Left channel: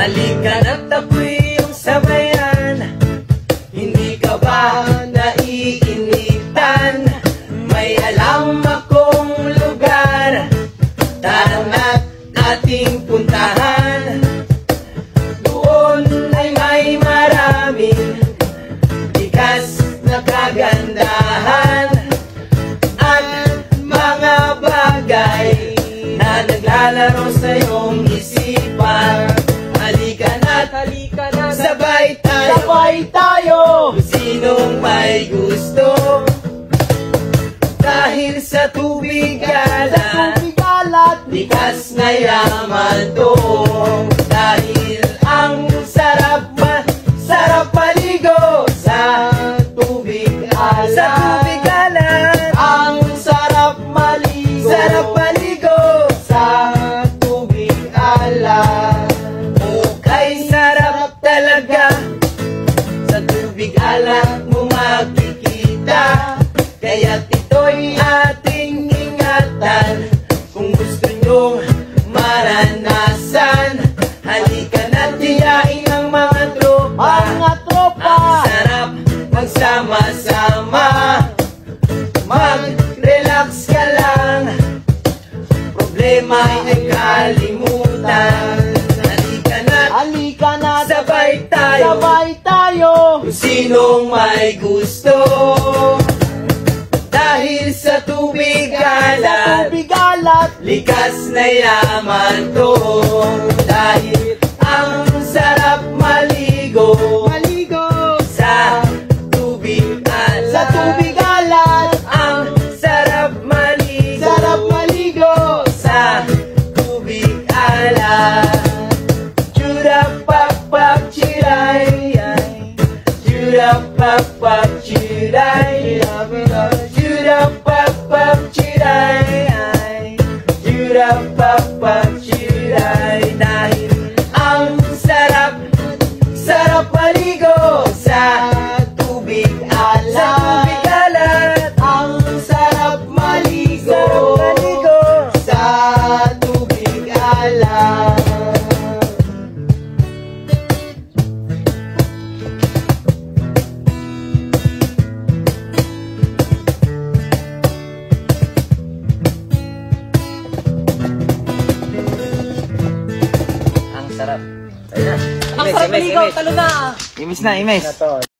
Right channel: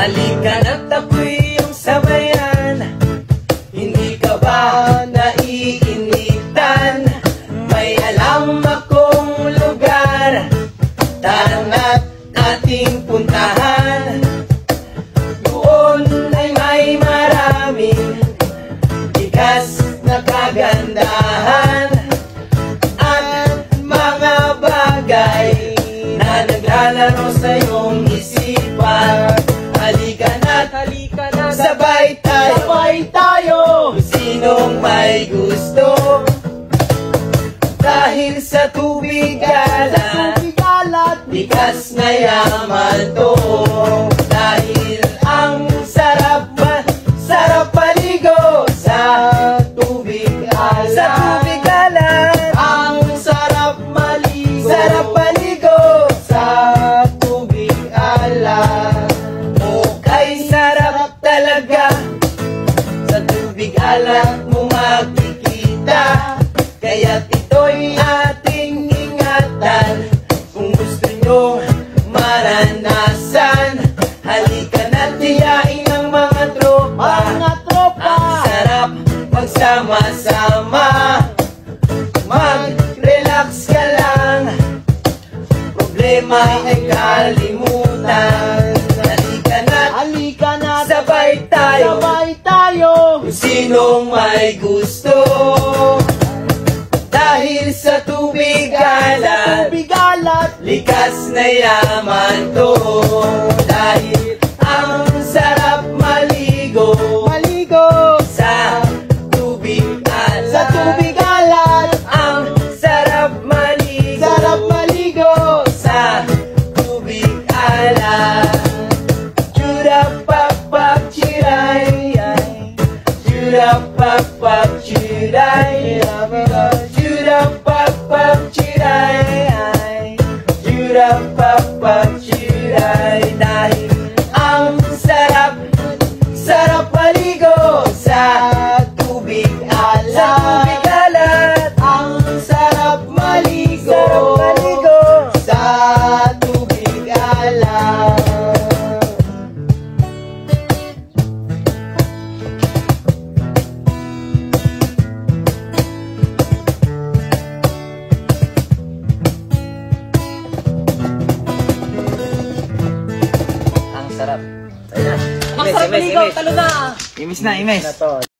Halika na't ako'y iyong sabayan. Hindi ka ba naiinitan? May alam akong lugar, tara na't ating puntahan. Doon ay may maraming likas na kagandahan at mga bagay na naglalaro sa iyong isipan. Halika na't sabay tayo, kung sinong may gusto. Dahil sa tubig alat, likas na yaman to. Dahil ang sarap maligo sa tubig alat. Ang sarap maligo sa tubig alat. Okay, sarap talaga sa tubig alat mo makikita. Kaya't ito'y ating ingatan. Kung gusto nyong maranasan, halika na't tiyain ang mga tropa. Ang sarap magsama-sama. Mag-relax ka lang, problema ay nagkalimutan. Halika na't sabay tayo, kung sinong may gusto. Dahil sa tubig alat, likas na yaman to. Dahil ang sarap maligo sa tubig alat. Ang sarap maligo sa tubig alat. Churapapap chiray, churapapap chiray, churapapap chiray, churapapap chiray. Dahil ang sarap maligo sa tubig alat. Ang sarap maligo sa tubig alat. Sarap. Ayun na. Ang sarap maligaw, talo na. Imis na, imis.